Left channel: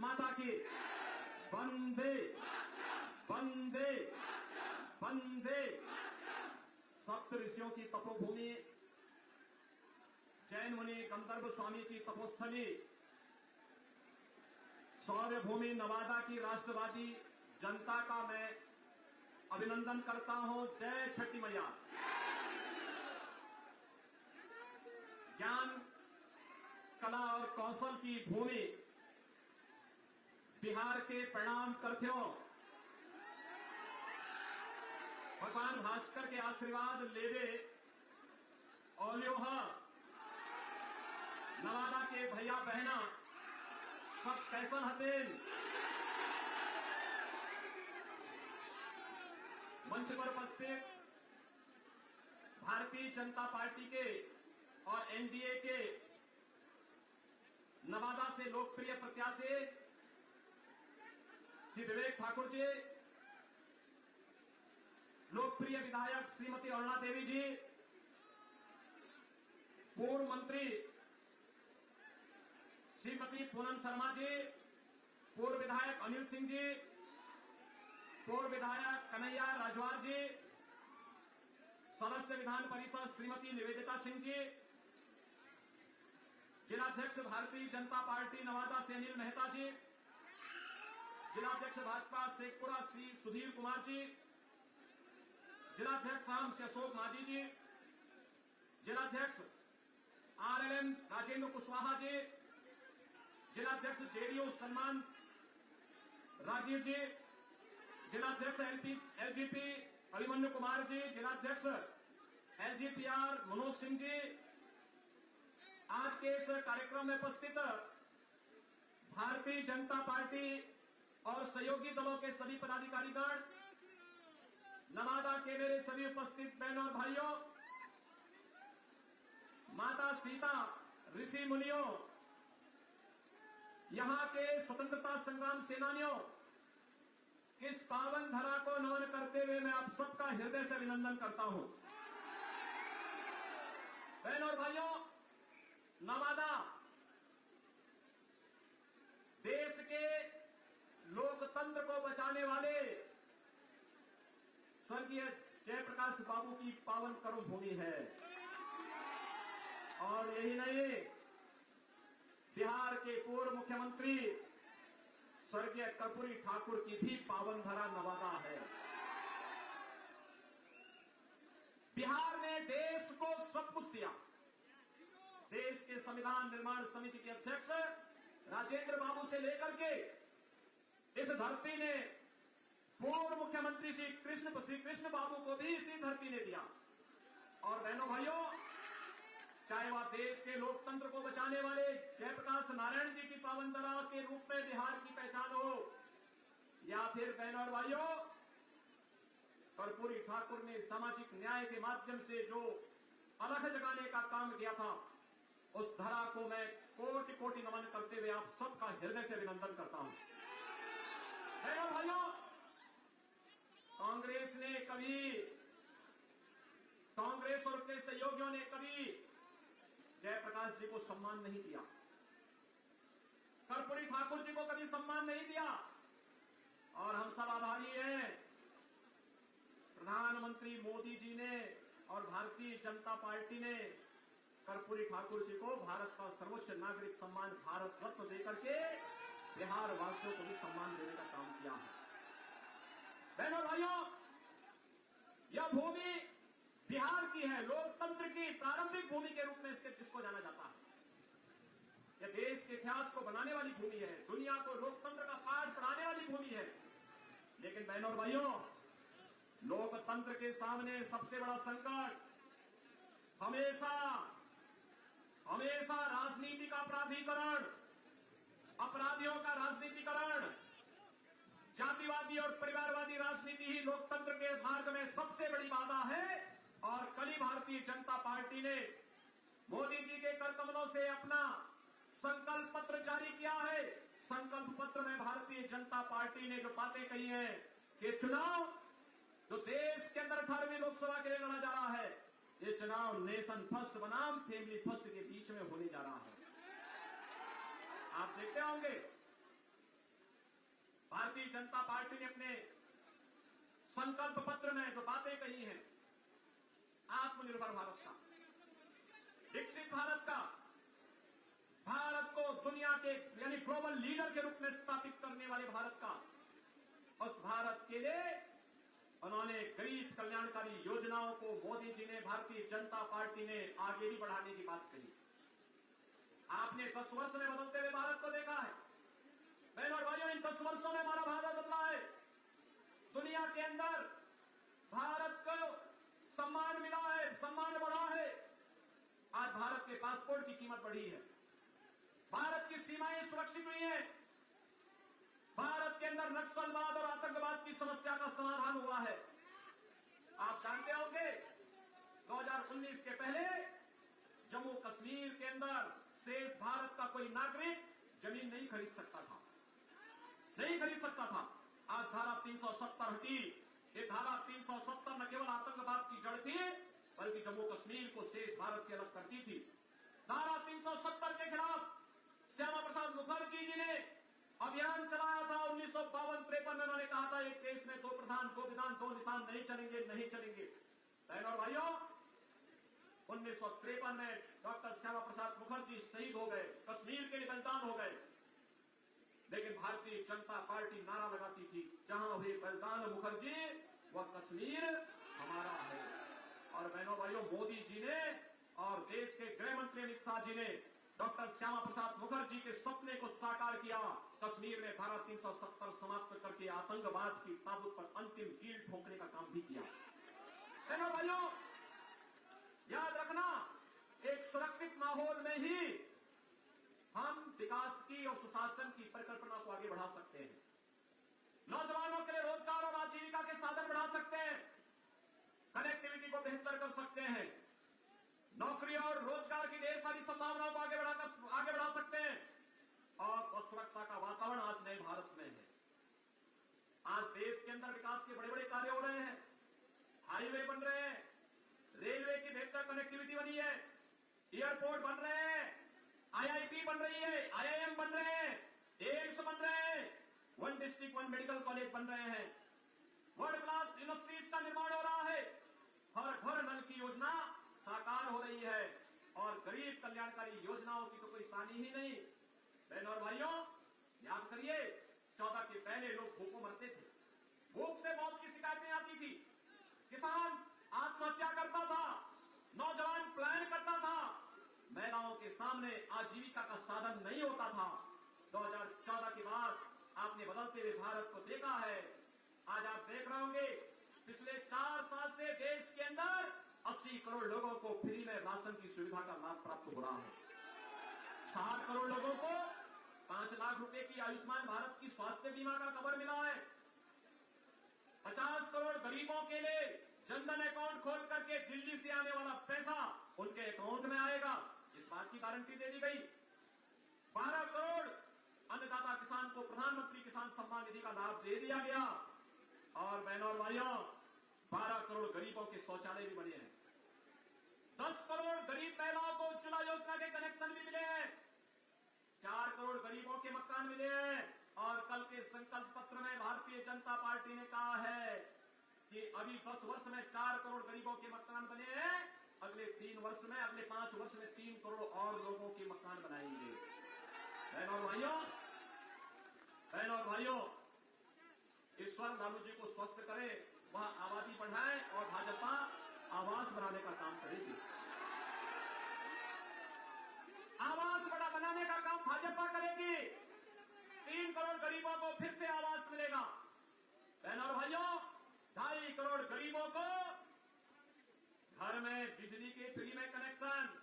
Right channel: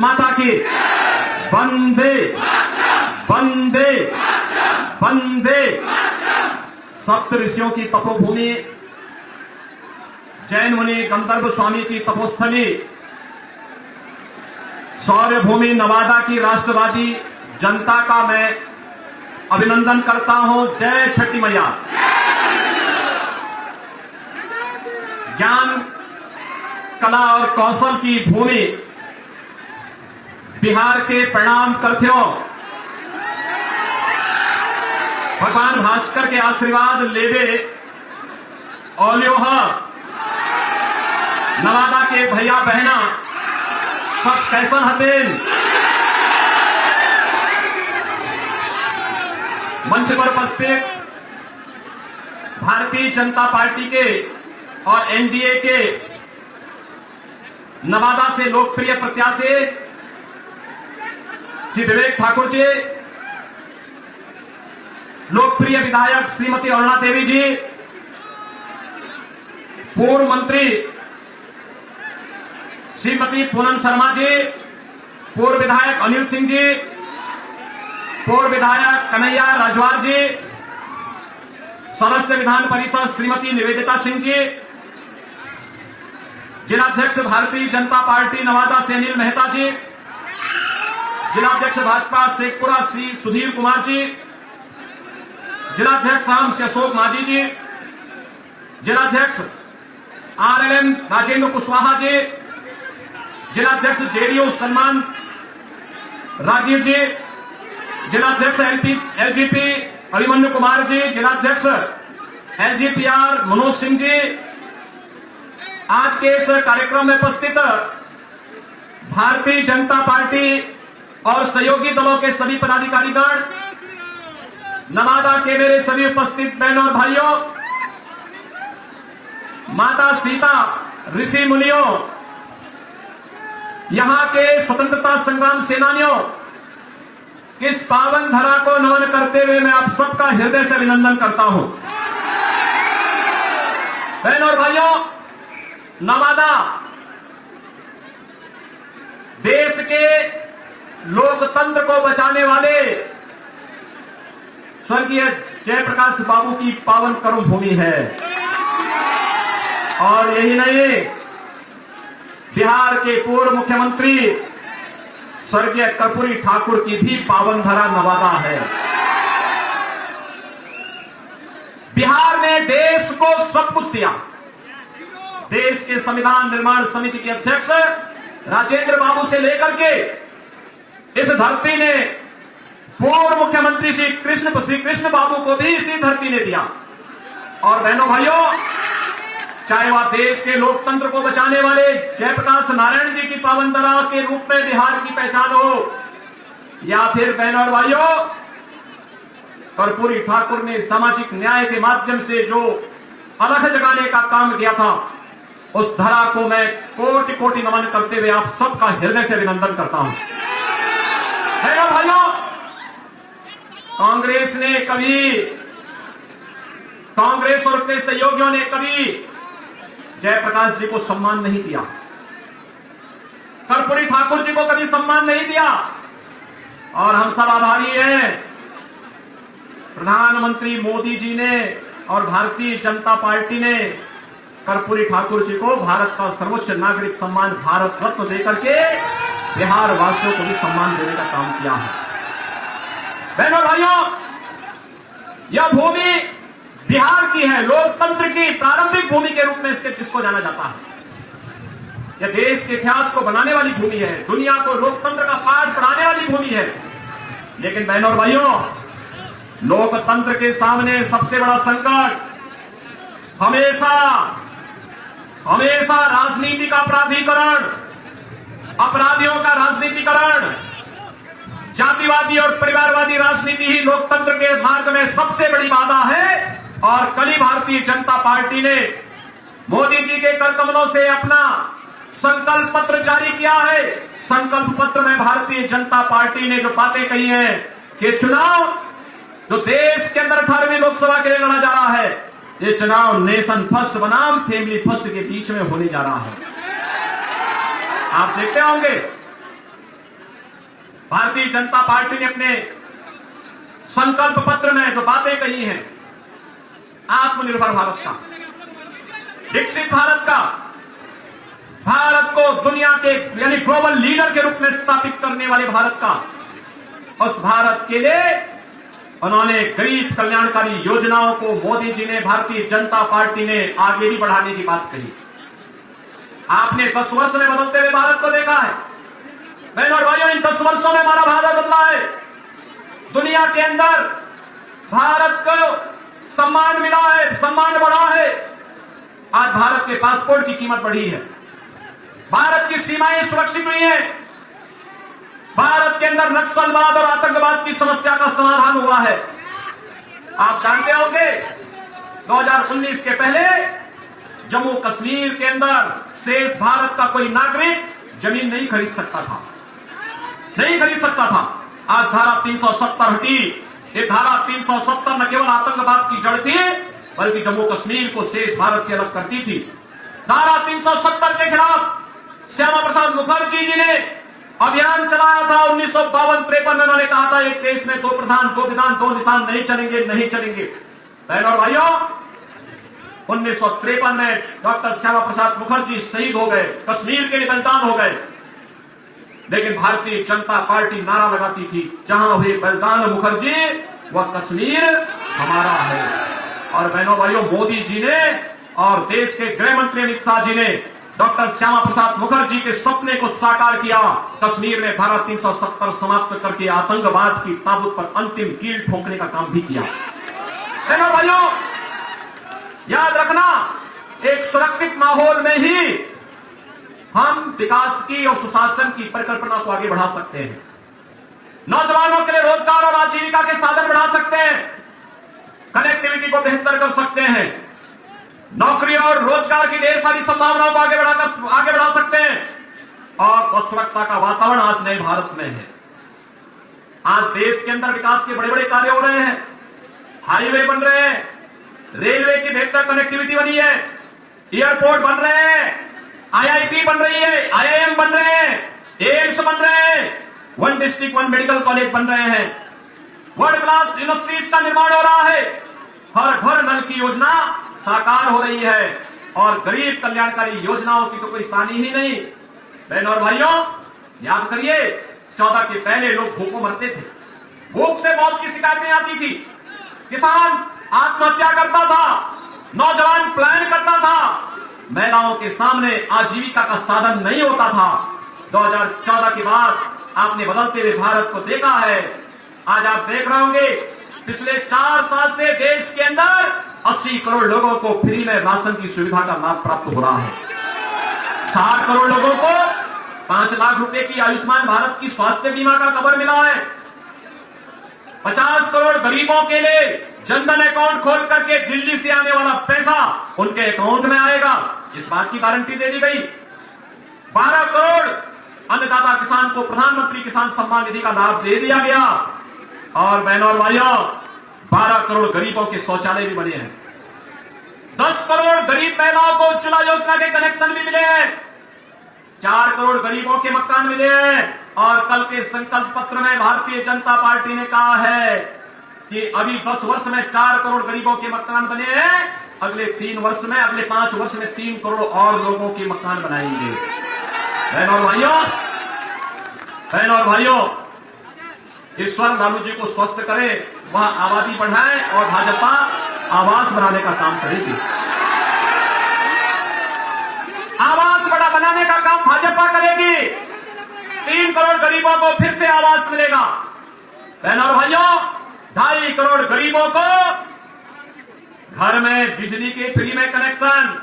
माता की वंदे वंदे वंदे। सप्त ऋषियों की तपोभूमि, जैन मुनि गंधर्व स्वामी की तपोस्थली, सौर्य भूमि नवादा की राष्ट्रवादी जनता का मैं अभिनंदन करता हूं। जय छठी मैया। ज्ञान, कला और कौशल की भूमि बिहार के प्रणाम करथियों, भगवान भास्कर के आशीर्वाद लेवे ओलियो नवादा के भैया बहना सब कैसन हतेन। मंच पर उपस्थित भारतीय जनता पार्टी के और एनडीए के नवादा से लोकप्रिय प्रत्याशी श्री विवेक ठाकुर जी, लोकप्रिय विधायक श्रीमती अरुणा देवी जी, पूर्व मंत्री श्रीमती पूनम शर्मा जी, पूर्व विधायक अनिल सिंह जी, पूर्व विधायक कन्हैया राजवार जी, सदस्य विधान परिषद श्रीमती निवेदिता सिंह जी, जिलाध्यक्ष भारतीय जनता पार्टी नवादा से अनिल मेहता जी, जिलाध्यक्ष भाजपा शेखपुरा श्री सुधीर कुमार जी, जिलाध्यक्ष राम से अशोक माझी जी, जिलाध्यक्ष आरएलएम राजेंद्र कुशवाहा जी, जिलाध्यक्ष जेडीयू सम्मान राजीव जी, जिलाध्यक्ष एलजीपी अभिमन्यु कुमार जी, जिलाध्यक्ष एलजीपीआर मनोज सिंह जी, आज के इस कार्यक्रम में उपस्थित भारतीय जनता पार्टी और सहयोगी दलों के सभी पदाधिकारीगण, नवादा के मेरे सभी उपस्थित बहनों और भाइयों, माता सीता, ऋषि मुनियों, यहां के स्वतंत्रता संग्राम सेनानियों, इस पावन धरा को नमन करते हुए मैं आप सबका हृदय से अभिनंदन करता हूं। बहनों और भाइयों, नवादा देश के लोकतंत्र को बचाने वाले स्वर्गीय जयप्रकाश बाबू की पावन कर्म भूमि है। और यही नहीं, बिहार के पूर्व मुख्यमंत्री स्वर्गीय कर्पूरी ठाकुर की भी पावन धरा नवादा है। बिहार ने देश को सब कुछ दिया। देश के संविधान निर्माण समिति के अध्यक्ष राजेंद्र बाबू से लेकर के इस धरती ने पूर्व मुख्यमंत्री श्री कृष्ण बाबू को भी इसी धरती ने दिया। और बहनों भाइयों, चाहे वह देश के लोकतंत्र को बचाने वाले जयप्रकाश नारायण जी की पावन धरा के रूप में बिहार की पहचान हो, या फिर बहनों और भाइयों, कर्पूरी ठाकुर ने सामाजिक न्याय के माध्यम से जो अलख जगाने का काम किया था, उस धरा को मैं कोटि कोटि नमन करते हुए आप सबका हृदय से अभिनंदन करता हूं। बहनों भाइयों, कांग्रेस और उसके सहयोगियों ने कभी जयप्रकाश जी को सम्मान नहीं दिया, कर्पूरी ठाकुर जी को कभी सम्मान नहीं दिया। और हम सब आभारी हैं, प्रधानमंत्री मोदी जी ने और भारतीय जनता पार्टी ने कर्पूरी ठाकुर जी को भारत का सर्वोच्च नागरिक सम्मान भारत रत्न देकर के बिहार वासियों को भी सम्मान देने का काम किया है। बहनों भाइयों, यह भूमि बिहार की है, लोकतंत्र की प्रारंभिक भूमि के रूप में इसको जाना जाता है। यह देश के इतिहास को बनाने वाली भूमि है, दुनिया को लोकतंत्र का पाठ पढ़ाने वाली भूमि है। लेकिन बहनों और भाइयों, लोकतंत्र के सामने सबसे बड़ा संकट हमेशा राजनीति का प्राधिकरण, अपराधियों का राजनीतिकरण, जातिवादी और परिवारवादी राजनीति ही लोकतंत्र के मार्ग में सबसे बड़ी बाधा है। और कल ही भारतीय जनता पार्टी ने मोदी जी के करकमलों से अपना संकल्प पत्र जारी किया है। संकल्प पत्र में भारतीय जनता पार्टी ने जो बातें कही हैं कि चुनाव जो देश के अंदर 18वीं लोकसभा के लिए लड़ा जा रहा है, ये चुनाव नेशन फर्स्ट बनाम फैमिली फर्स्ट के बीच में होने जा रहा है। आप देखते होंगे भारतीय जनता पार्टी ने अपने संकल्प पत्र में जो बातें कही हैं, आत्मनिर्भर भारत का, विकसित भारत का, भारत को दुनिया के यानी ग्लोबल लीडर के रूप में स्थापित करने वाले भारत का, उस भारत के लिए उन्होंने गरीब कल्याणकारी योजनाओं को मोदी जी ने, भारतीय जनता पार्टी ने आगे भी बढ़ाने की बात कही। आपने 10 वर्ष में बदलते हुए भारत को देखा है। बहनों और भाइयों, इन 10 वर्षों में हमारा भारत बदला है। दुनिया के अंदर भारत को सम्मान मिला है, सम्मान बढ़ा है। आज भारत के पासपोर्ट की कीमत बढ़ी है, भारत की सीमाएं सुरक्षित हुई हैं, भारत के अंदर नक्सलवाद और आतंकवाद की समस्या का समाधान हुआ है। आप जानते होंगे 2019 के पहले जम्मू कश्मीर के अंदर शेष भारत का कोई नागरिक जमीन नहीं खरीद सकता था, नहीं खरीद सकता था। आज धारा 370 हटी। ये धारा 370 न केवल आतंकवाद की जड़ थी, बल्कि जम्मू कश्मीर को शेष भारत से अलग करती थी। धारा 370 के खिलाफ श्यामा प्रसाद मुखर्जी जी ने अभियान चलाया था। 1952-53 में उन्होंने कहा था, एक देश में 2 प्रधान 2 विधान 2 निशान नहीं चलेंगे, नहीं चलेंगे। बहनों और भाइयों, 1953 में डॉक्टर श्यामा प्रसाद मुखर्जी शहीद हो गए, कश्मीर के लिए बलिदान हो गए। लेकिन भारतीय जनता पार्टी नारा लगाती थी, जहां हुए बलिदान मुखर्जी, वह कश्मीर हमारा है। और बहनों भाइयों, मोदी जी ने और देश के गृह मंत्री अमित शाह जी ने डॉक्टर श्यामा प्रसाद मुखर्जी के सपने को साकार किया। कश्मीर में धारा 370 समाप्त करके आतंकवाद की ताबूत पर अंतिम कील ठोकने का काम भी किया। बहनों भाइयों, याद रखना, एक सुरक्षित माहौल में ही हम विकास की और सुशासन की परिकल्पना को आगे बढ़ा सकते हैं। नौजवानों के लिए रोजगार और आजीविका के साधन बढ़ा सकते हैं, कनेक्टिविटी को बेहतर कर सकते हैं, नौकरी और रोजगार की ढेर सारी संभावनाओं को आगे बढ़ा सकते हैं। और सुरक्षा का वातावरण आज नए भारत में है। आज देश के अंदर विकास के बड़े बड़े कार्य हो रहे हैं, हाईवे बन रहे हैं, रेलवे की बेहतर कनेक्टिविटी बनी है, एयरपोर्ट बन रहे हैं, IIT बन रही है, IIM बन रहे हैं, एम्स बन रहे हैं, 1 डिस्ट्रिक्ट 1 मेडिकल कॉलेज बन रहे हैं, वर्ल्ड क्लास यूनिवर्सिटीज का निर्माण हो रहा है, हर घर नल की योजना साकार हो रही है, और गरीब कल्याणकारी योजनाओं की तो कोई सानी ही नहीं। बहनों और भाइयों, याद करिए, 14 के पहले लोग भूखों मरते थे, भूख से मौत की शिकायतें आती थी, किसान आत्महत्या करता था, नौजवान पलायन करता था, महिलाओं के सामने आजीविका का साधन नहीं होता था। 2014 के बाद आपने बदलते हुए भारत को देखा है। आज आप देख रहे होंगे, पिछले 4 साल से देश के अंदर 80 करोड़ लोगों को फ्री में राशन की सुविधा का लाभ प्राप्त हो रहा है। 60 करोड़ लोगों को 5 लाख रुपए की आयुष्मान भारत की स्वास्थ्य बीमा का कवर मिला है। 50 करोड़ गरीबों के लिए जनधन अकाउंट खोल करके दिल्ली से आने वाला पैसा उनके अकाउंट में आएगा, इस बात की गारंटी दे दी गई। 12 करोड़ अन्नदाता किसान को प्रधानमंत्री किसान सम्मान निधि का लाभ दे दिया गया। और बहनों और भाइयों, 12 करोड़ गरीबों के शौचालय भी बने हैं। 10 करोड़ गरीब महिलाओं को उज्ज्वला योजना के कनेक्शन भी मिले हैं। 4 करोड़ गरीबों के मकान मिले हैं। और कल के संकल्प पत्र में भारतीय जनता पार्टी ने कहा है कि अभी 10 वर्ष में 4 करोड़ गरीबों के मकान बने हैं, अगले 3 वर्ष में, अगले 5 वर्ष में 3 करोड़ और लोगों के मकान बनाएंगे। बहनों और भाइयों, ईश्वर लालू जी को स्वस्थ करे, वह आबादी बढ़ाए और भाजपा आवास बनाने का काम करेगी। आवास बड़ा बनाने का काम भाजपा करेगी। 3 करोड़ गरीबों को फिर से आवास मिलेगा। बहनों और भाइयों, 2.5 करोड़ गरीबों को घर में बिजली के फ्री में कनेक्शन।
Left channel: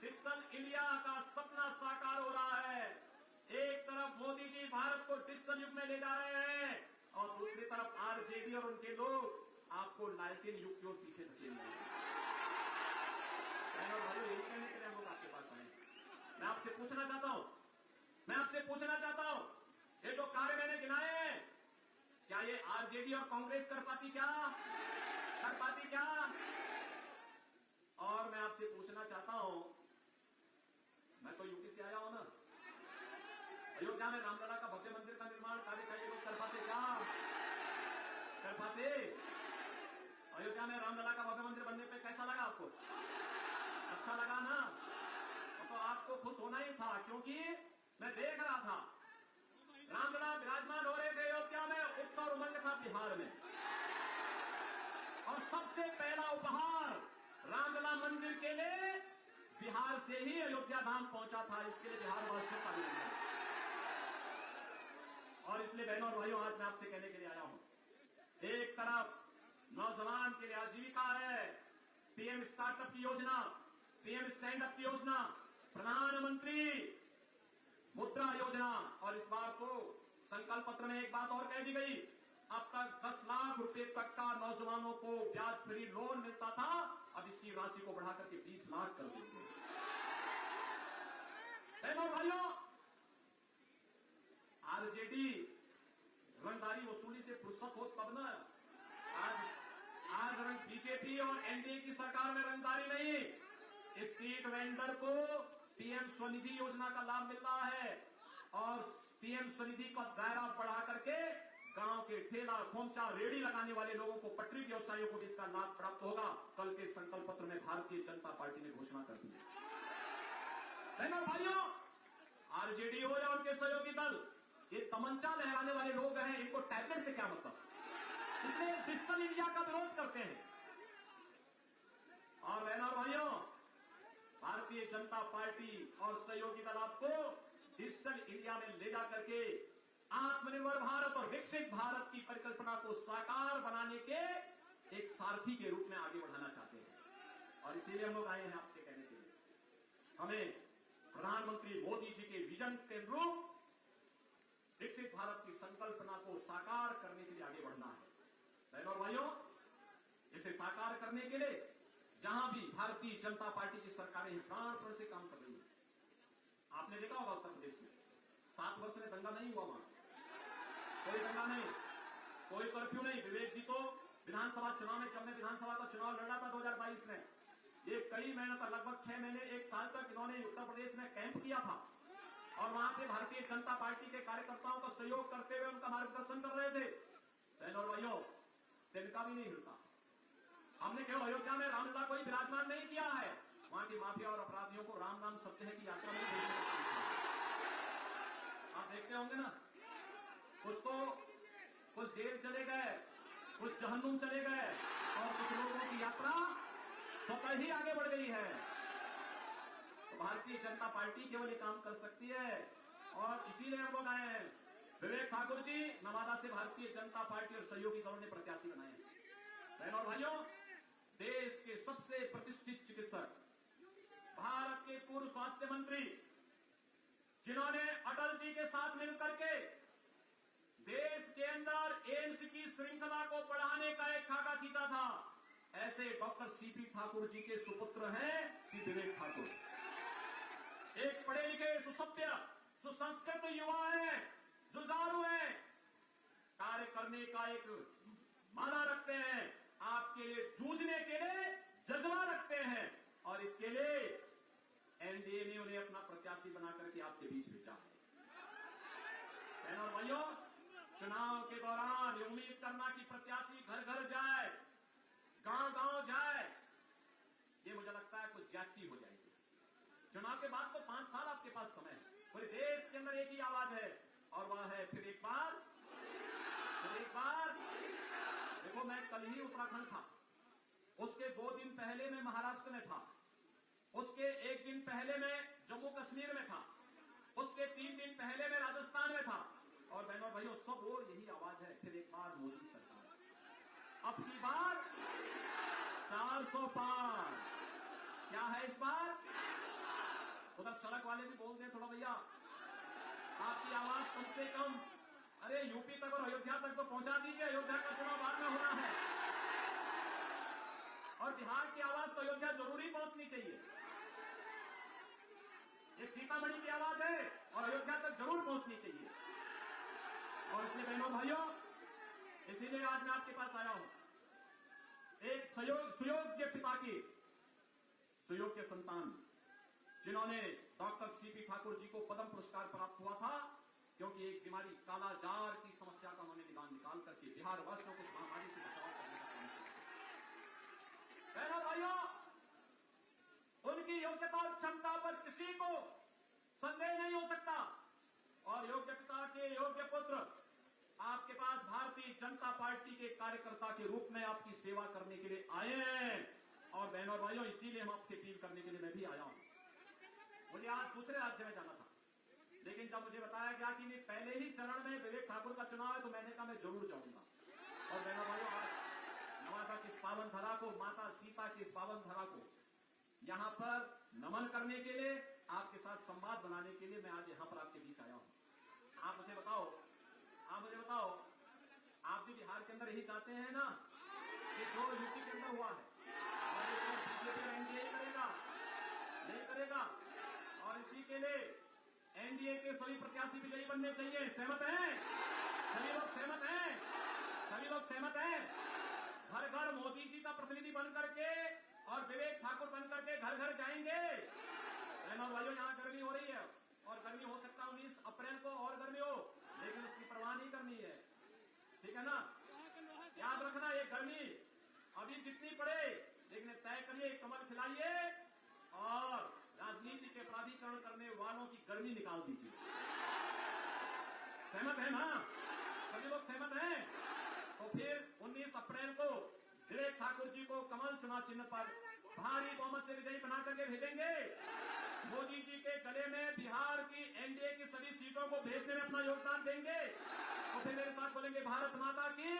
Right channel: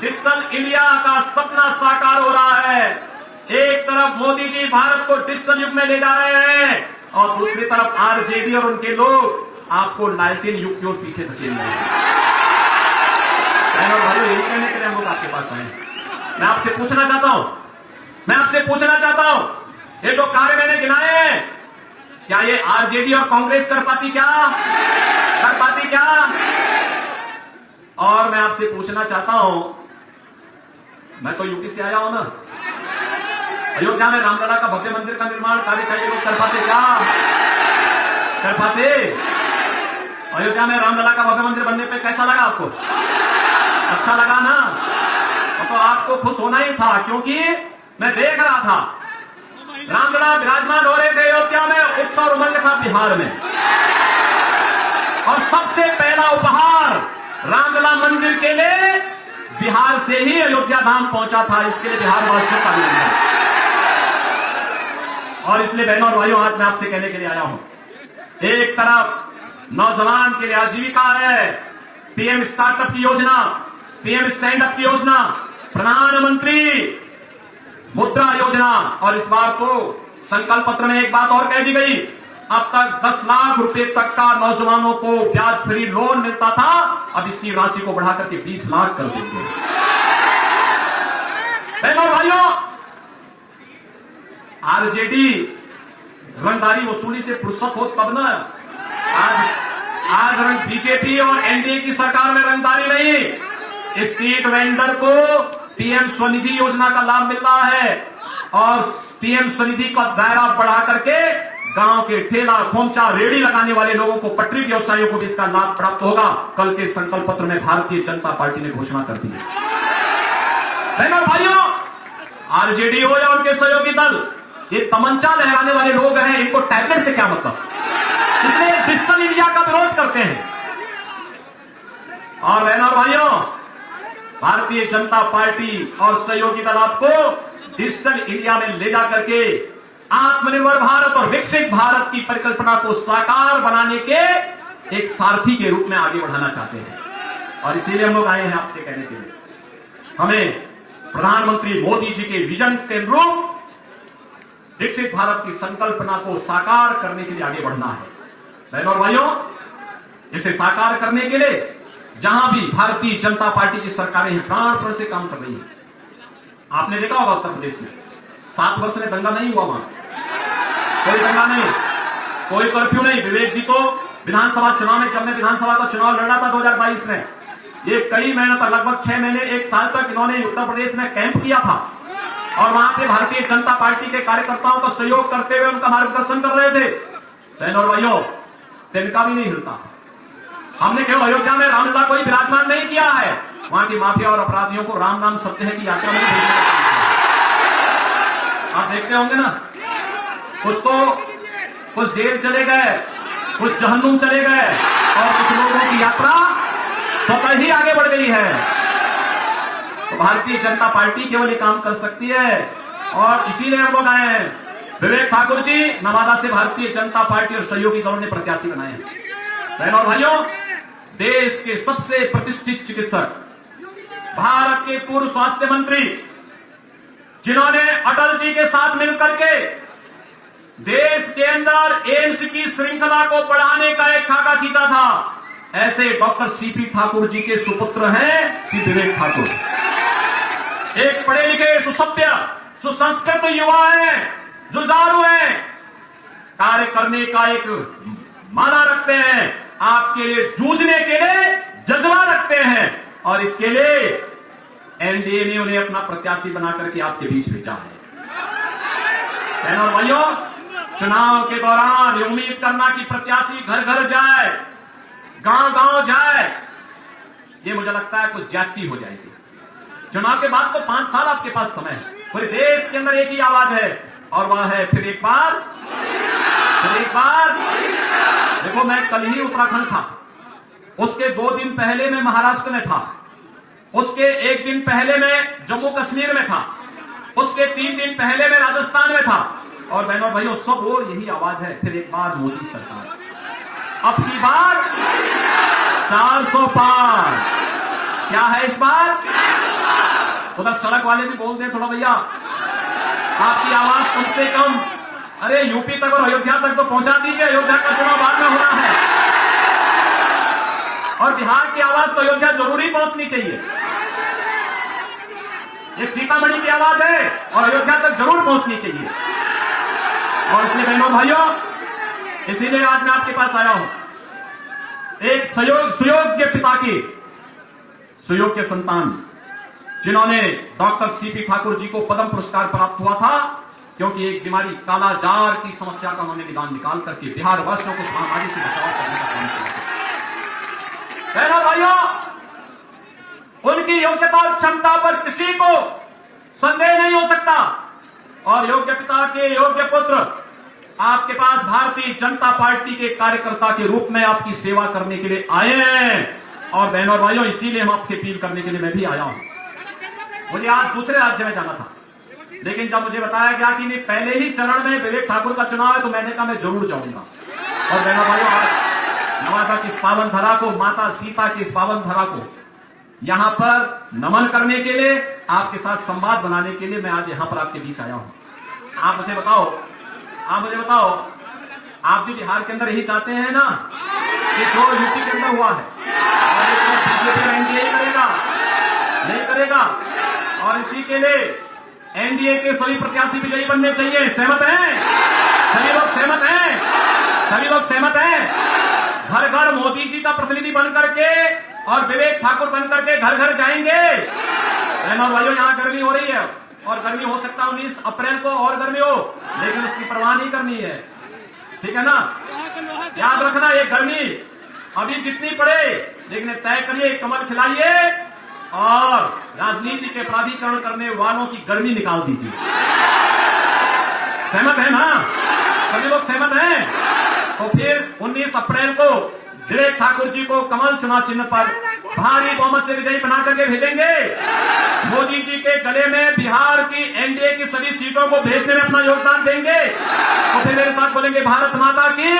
डिजिटल इंडिया का सपना साकार हो रहा है। एक तरफ मोदी जी भारत को डिजिटल युग में ले जा रहे हैं, और दूसरी तरफ आरजेडी और उनके लोग आपको लालटेन युग की ओर पीछे धकेल रहे हैं। भाइयों, यही कहने के लिए हम लोग आपके पास आए। मैं आपसे पूछना चाहता हूं, ये जो कार्य मैंने गिनाए हैं, क्या ये आरजेडी और कांग्रेस कर पाती क्या? और मैं आपसे पूछना चाहता हूं, मैं तो यूपी से आया हूं ना, अयोध्या में रामलला का भव्य मंदिर का निर्माण कार्य का ये लोग कर पाते क्या? कर पाते? अयोध्या में रामलला का भव्य मंदिर बनने पे कैसा लगा आपको? अच्छा लगा ना? तो आपको खुश होना ही था, क्योंकि मैं देख रहा था रामलला विराजमान हो रहे थे अयोध्या में, उत्सव उमंग था बिहार में, और सबसे पहला उपहार रामलला मंदिर के लिए बिहार से ही अयोध्या धाम पहुंचा था। इसके लिए बिहार वासियों का अभिनंदन। और इसलिए बहनों और भाइयों, आज मैं आपसे कहने के लिए आया हूं, एक तरफ नौजवान के लिए आजीविका है, पीएम स्टार्टअप की योजना, पीएम स्टैंड अप की योजना, प्रधानमंत्री मुद्रा योजना, और इस बार तो संकल्प पत्र में एक बात और कह दी गई, अब तक 10 लाख रुपए तक का नौजवानों को ब्याज फ्री लोन मिलता था, अब इसकी राशि को बढ़ाकर के 20 लाख कर देंगे। बहनों भाइयों, आरजेडी रंगदारी वसूली से फुर्सत हो तब ना। आज बीजेपी और एनडीए की सरकार में रंगदारी नहीं, स्ट्रीट वेंडर को पीएम स्वनिधि योजना का लाभ मिल रहा है, और पीएम स्वनिधि का दायरा बढ़ा करके गांव के ठेला खोमचा रेड़ी लगाने वाले लोगों को, पटरी व्यवसायियों को भी इसका लाभ प्राप्त होगा। कल के संकल्प पत्र में भारतीय जनता पार्टी ने घोषणा कर दी है। बहनों भाइयों, आरजेडी हो या उनके सहयोगी दल, ये तमंचा लहराने वाले लोग हैं, इनको टैबलेट से क्या मतलब, इसलिए डिजिटल इंडिया का विरोध करते हैं। और बहनों भाइयों, भारतीय जनता पार्टी और सहयोगी दल आपको डिजिटल इंडिया में ले जाकर के आत्मनिर्भर भारत और विकसित भारत की परिकल्पना को साकार बनाने के एक सारथी के रूप में आगे बढ़ाना चाहते हैं। और इसीलिए हम लोग आए हैं आपसे कहने के लिए, हमें प्रधानमंत्री मोदी जी के विजन के अनुरूप विकसित भारत की संकल्पना को साकार करने के लिए आगे बढ़ना है। बहनों और भाइयों, इसे साकार करने के लिए जहां भी भारतीय जनता पार्टी की सरकारें हैं, प्राणपण से काम कर रही है। आपने देखा होगा उत्तर प्रदेश में 7 वर्ष में दंगा नहीं हुआ, वहां कोई दंगा नहीं, कोई कर्फ्यू नहीं। विवेक जी तो विधानसभा चुनाव में, जब मैं विधानसभा का चुनाव लड़ा था 2022 में, ये कई महीने तक, लगभग 6 महीने 1 साल तक इन्होंने उत्तर प्रदेश में कैंप किया था, और वहां पे भारतीय जनता पार्टी के कार्यकर्ताओं का सहयोग करते हुए उनका मार्गदर्शन कर रहे थे। बहनों और भाइयों, तिनका भी नहीं हिलता। हमने केवल अयोध्या में रामलला को ही विराजमान नहीं किया है, वहां की माफिया और अपराधियों को राम नाम सत्य है की यात्रा में भेजने का काम किया। आप देखते होंगे ना, कुछ जेल चले गए, कुछ जहन्नुम चले गए, और कुछ लोगों की यात्रा स्वतः ही आगे बढ़ गई है। तो भारतीय जनता पार्टी केवल ये काम कर सकती है, और इसीलिए हम लोग आए हैं। विवेक ठाकुर जी नवादा से भारतीय जनता पार्टी और सहयोगी दलों ने प्रत्याशी बनाए हैं। बहनों और भाइयों, देश के सबसे प्रतिष्ठित चिकित्सक, भारत के पूर्व स्वास्थ्य मंत्री, जिन्होंने अटल जी के साथ मिलकर के देश के अंदर एम्स की श्रृंखला को बढ़ाने का एक खाका खींचा था, ऐसे डॉक्टर सीपी ठाकुर जी के सुपुत्र हैं श्री विवेक ठाकुर। एक पढ़े लिखे, सुसभ्य, सुसंस्कृत युवा हैं, जुझारू हैं, कार्य करने का एक माना रखते हैं, आपके लिए जूझने के लिए जज्बा रखते हैं, और इसके लिए एनडीए ने उन्हें अपना प्रत्याशी बनाकर के आपके बीच भेजा है। बहनों और भाइयों, चुनाव के दौरान ये उम्मीद करना कि प्रत्याशी घर घर जाए, गांव गांव जाए, ये मुझे लगता है कुछ ज्यादती हो जाएगी। चुनाव के बाद तो 5 साल आपके पास समय है, पूरे देश के अंदर एक ही आवाज है, और वह है फिर एक बार। देखो, मैं कल ही उत्तराखंड था, उसके 2 दिन पहले मैं महाराष्ट्र में था, उसके 1 दिन पहले मैं जम्मू कश्मीर में था, उसके 3 दिन पहले मैं राजस्थान में था, और बहनों भाइयों, सब और यही आवाज है, फिर एक बार मोदी सरकार। अब की बार 400 पार। क्या है इस बार? उधर सड़क वाले भी बोल दें थोड़ा, भैया आपकी आवाज कम से कम, अरे यूपी तक और अयोध्या तक तो पहुंचा दीजिए। अयोध्या का चुनाव बाद में होना है, और बिहार की आवाज तो अयोध्या जरूरी पहुंचनी चाहिए। ये सीतामढ़ी की आवाज है, और अयोध्या तक जरूर पहुंचनी चाहिए। और इसलिए बहनों भाइयों, इसीलिए आज मैं आपके पास आया हूं, एक सुयोग्य पिता की सुयोग्य संतान, जिन्होंने डॉक्टर सीपी ठाकुर जी को पद्म पुरस्कार प्राप्त हुआ था, क्योंकि एक बीमारी कालाजार की समस्या का उन्होंने निकाल करके बिहार वासियों को इस महामारी से बचाव करने का काम किया। बहनों भाइयों, उनकी योग्यता और क्षमता पर किसी को संदेह नहीं हो सकता और योग्य पिता के योग्य पुत्र आपके पास भारतीय जनता पार्टी के कार्यकर्ता के रूप में आपकी सेवा करने के लिए आए हैं। और बहनों और भाइयों, इसीलिए हम आपसे अपील करने के लिए मैं भी आया हूं। मुझे आज दूसरे राज्य में जाना था, लेकिन जब मुझे बताया गया कि नहीं पहले ही चरण में विवेक ठाकुर का चुनाव है, तो मैंने कहा मैं जरूर जाऊंगा। और बहनों भाइयों, आज नवादा की इस पावन धरा को, माता सीता की इस पावन धरा को यहां पर नमन करने के लिए, आपके साथ संवाद बनाने के लिए मैं आज यहां पर आपके बीच आया हूं। आप मुझे बताओ, आप भी बिहार के अंदर यही चाहते हैं ना कि जो यूपी के अंदर हुआ है और बीजेपी एनडीए करेगा, नहीं करेगा। और इसी के लिए एनडीए के सभी प्रत्याशी विजयी बनने चाहिए। सहमत हैं? सभी लोग सहमत हैं? सभी लोग सहमत हैं? घर घर मोदी जी का प्रतिनिधि बन करके और विवेक ठाकुर बन करके घर घर जाएंगे। बहनों भाइयों, यहां गर्मी हो रही है और गर्मी हो सकता है 19 अप्रैल को और गर्मी हो, लेकिन उसकी परवाह नहीं करनी है, ठीक है ना। याद रखना, ये गर्मी अभी जितनी पड़े, लेकिन तय करिए, कमर खिलाइए और राजनीति के प्राधिकरण करने वालों की गर्मी निकाल दीजिए। सहमत है ना? सभी लोग सहमत हैं? तो फिर 19 अप्रैल को विवेक ठाकुर जी को कमल चुनाव चिन्ह पर भारी बहुमत से विजयी बना करके भेजेंगे। मोदी जी के गले में बिहार की एनडीए की सभी सीटों को भेजने में अपना योगदान देंगे। तो फिर मेरे साथ बोलेंगे, भारत माता की